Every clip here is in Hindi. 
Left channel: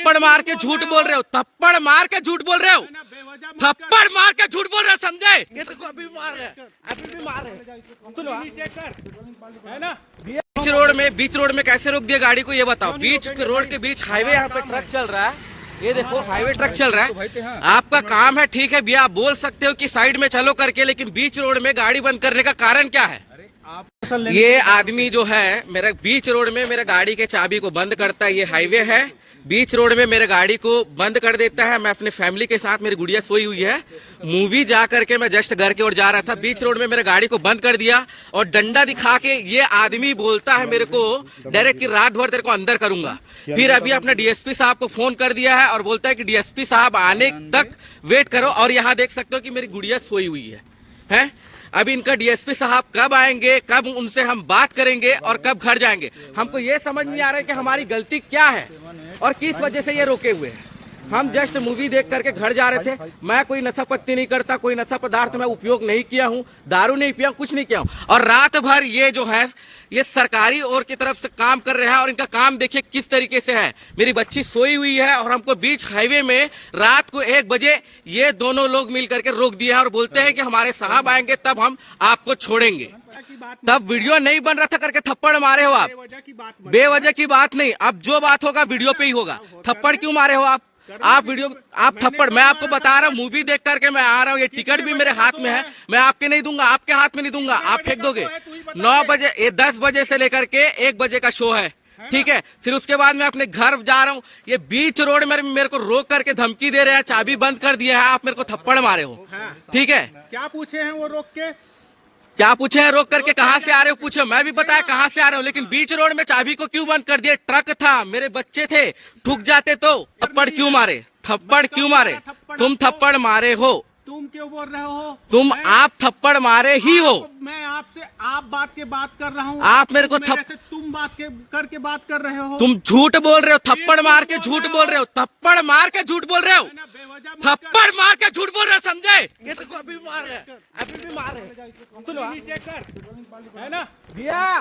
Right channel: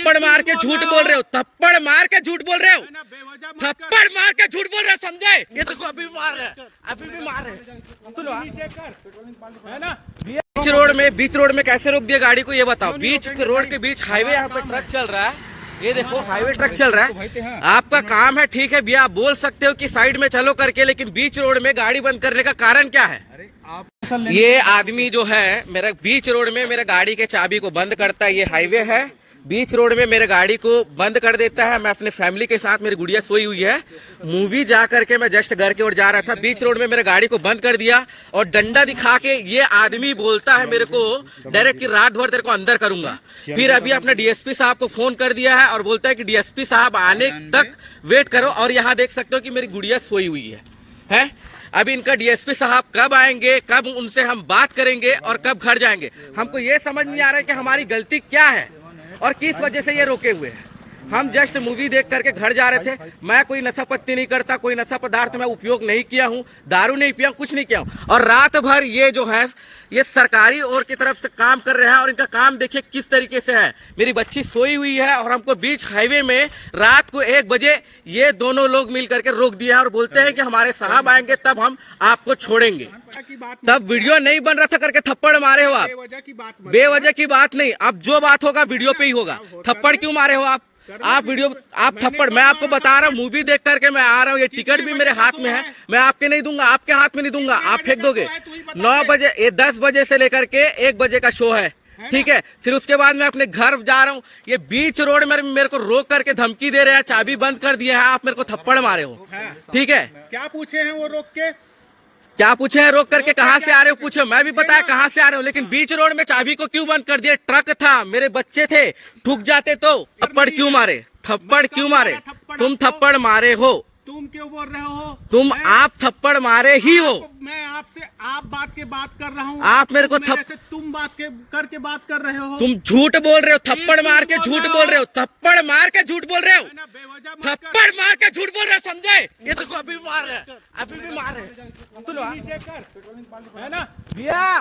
थप्पड़ मार के झूठ बोल रहे हो, थप्पड़ मार के झूठ बोल रहे हो, थप्पड़ मार के झूठ बोल रहे हो संजय। ये तो अभी भी मार रहे हैं, अभी भी मार रहे हैं। बीच रोड में कैसे रोक दिया गाड़ी को, ये बताओ। बीच रोड के बीच हाईवे, यहाँ पे ट्रक चल रहा है, ये देखो हाईवे ट्रक चल रहा है। आपका काम है, ठीक है भैया, आप बोल सकते हो कि साइड में चलो करके, लेकिन बीच रोड में गाड़ी बंद करने का कारण क्या है? ये आदमी जो है मेरा बीच रोड में मेरे गाड़ी के चाबी को बंद करता है। ये हाईवे है, बीच रोड में मेरे गाड़ी को बंद कर देता है। मैं अपने फैमिली के साथ, मेरी गुड़िया सोई हुई है, मूवी जा करके मैं जस्ट घर की ओर जा रहा था, बीच रोड में मेरे गाड़ी को बंद कर दिया और डंडा दिखा के ये आदमी बोलता है मेरे को डायरेक्ट कि रात भर तेरे को अंदर करूंगा। फिर अभी अपने डीएसपी साहब को फोन कर दिया है और बोलता है कि डीएसपी साहब आने तक वेट करो। और यहाँ देख सकते हो कि मेरी गुड़िया सोई हुई है। अभी इनका डीएसपी साहब कब आएंगे, कब उनसे हम बात करेंगे और कब घर जाएंगे, हमको ये समझ नहीं आ रहा है कि हमारी गलती क्या है और किस वजह से ये रोके हुए हैं। हम जस्ट मूवी देख करके घर जा रहे थे। मैं कोई नशा पत्ती नहीं करता, कोई नशा पदार्थ मैं उपयोग नहीं किया हूँ, दारू नहीं पिया, कुछ नहीं किया हूँ। और रात भर ये जो है ये सरकारी ओर की तरफ से काम कर रहे हैं और इनका काम देखिए किस तरीके से है। मेरी बच्ची सोई हुई है और हमको बीच हाईवे में रात को 1 बजे ये दोनों लोग मिल करके रोक दिया है और बोलते हैं कि हमारे साहब आएंगे तब हम आपको छोड़ेंगे। तब वीडियो नहीं बन रहा था करके थप्पड़ मारे हो आप। बेवजह की बात नहीं, अब जो बात होगा वीडियो पे ही होगा। थप्पड़ क्यों मारे हो आप थप्पड़? मैं आपको बता रहा हूँ, मूवी देख करके मैं आ रहा हूँ, ये टिकट भी मेरे हाथ में है, मैं आपके नहीं दूंगा, आपके हाथ में नहीं दूंगा, आप फेंक दोगे। 9 बजे, 10 बजे से लेकर के 1 बजे का शो है, ठीक है। फिर उसके बाद मैं अपने घर जा रहा हूँ, ये बीच रोड में मेरे को रोक करके धमकी दे रहे हैं, चाबी बंद कर दिया है, आप मेरे को थप्पड़ मारे हो, ठीक है। क्या पूछे हैं वो रोक के? क्या पूछे हैं रोक करके? कहाँ से आ रहे हो पूछो, मैं भी पता है कहाँ से आ रहे हो, लेकिन बीच रोड में चाबी को क्यों बंद कर दिए? ट्रक था, मेरे बच्चे थे, ठुक जाते तो। थप्पड़ क्यों मारे? थप्पड़ क्यों मारे? तुम थप्पड़ मारे हो। तुम क्यों बोल रहे हो? तुम आप थप्पड़ मारे ही हो। मैं आपसे आप बात कर रहा हूँ, आप मेरे को तुम बात करके बात कर रहे हो। तुम झूठ बोल रहे हो, थप्पड़ मार के झूठ बोल रहे हो, थप्पड़ मार के झूठ बोल रहे हो, थप्पड़ मार के झूठ बोल रहे हो संजय। ये तो अभी भी मार रहे हैं, अभी भी मार रहे हैं। है ना भैया,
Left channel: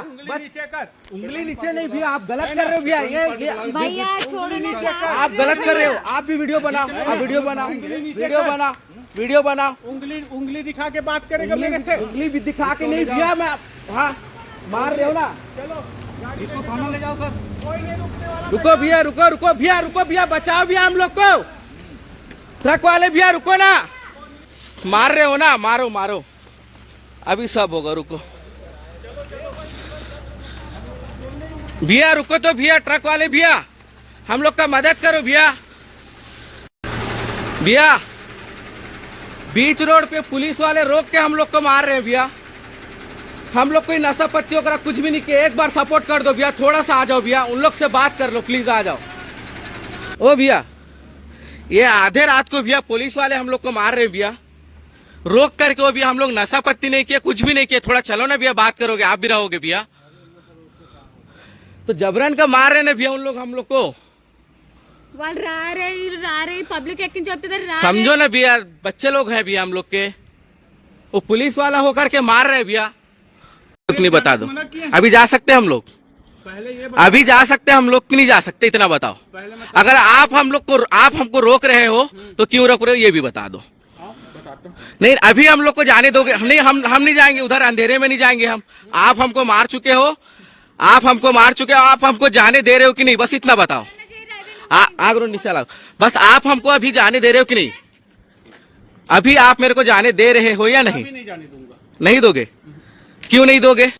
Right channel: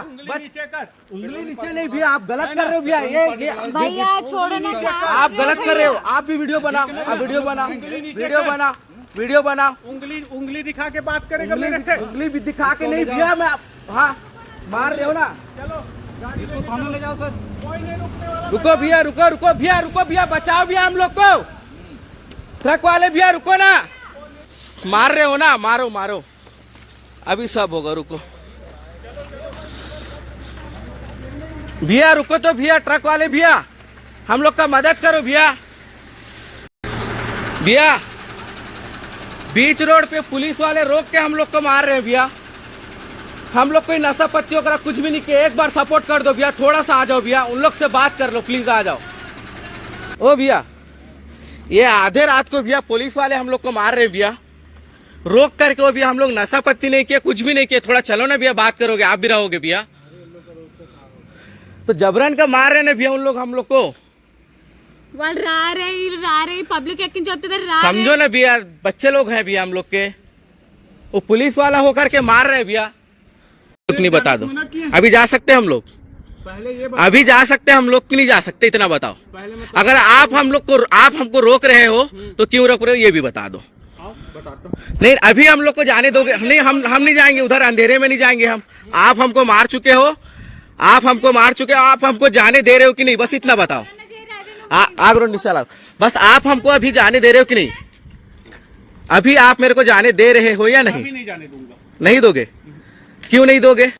उंगली नीचे नहीं भैया, आप गलत कर रहे हो भैया। ये भैया छोड़ने का, आप गलत कर रहे हो। आप भी वीडियो बनाओ, वीडियो बनाओ, वीडियो बनाओ। उंगली दिखा के बात करेगा मेरे से? उंगली भी दिखा के नहीं भैया, मैं हाँ मार रहे हो ना। चलो इसको थाना ले जाओ सर। कोई नहीं रुकने वाला। रुको भैया, रुको भैया, बचाओ भैया हम लोग को। ट्रक वाले भैया रुको ना, मार रहे हो ना, मारो, अभी सब होगा। रुको भैया, रुको तो भैया, ट्रक वाले भैया, हम लोग का मदद करो भैया। बीच रोड पे पुलिस वाले रोक के हम लोग को मार रहे हैं भैया। हम लोग कोई नशा पत्ती वगैरह कुछ भी नहीं किया। एक बार सपोर्ट कर दो भैया, थोड़ा सा आ जाओ भैया, उन लोग से बात कर लो प्लीज, आ जाओ। ओ भैया, ये आधे रात को भैया पुलिस वाले हम लोग को मार रहे हैं भैया, रोक करके। वो भैया हम लोग नशा पत्ती नहीं किया, कुछ भी नहीं किया, थोड़ा चलो ना भैया, बात करोगे, आप भी रहोगे भैया। तो जबरन का मार रहे ना भैया उन लोग हम लोग को। रा रहे पब्लिक एक्टिंग चलते थे, समझो ना भैया, बच्चे लोग हैं भैया हम लोग के, वो पुलिस वाला होकर के मार रहे भैया। नहीं बता दो, अभी जा सकते हम लोग? अभी जा सकते हम लोग कि नहीं जा सकते, इतना बताओ। अगर आप हमको रोक रहे हो तो क्यों रोक रहे हो, ये भी बता दो। नहीं, अभी हम लोग को जाने दोगे? हम नहीं जाएंगे उधर, अंधेरे में नहीं जाएंगे हम। आप हमको मार चुके हो, आप हमको जाने दे रहे हो कि नहीं, बस इतना बताओ। बस आप हमको अभी जाने दे रहे हो कि नहीं? अभी आप मेरे को जाने दे रहे हो या नहीं? अभी नहीं जाने दूंगा। नहीं दोगे? क्यों नहीं दोगे?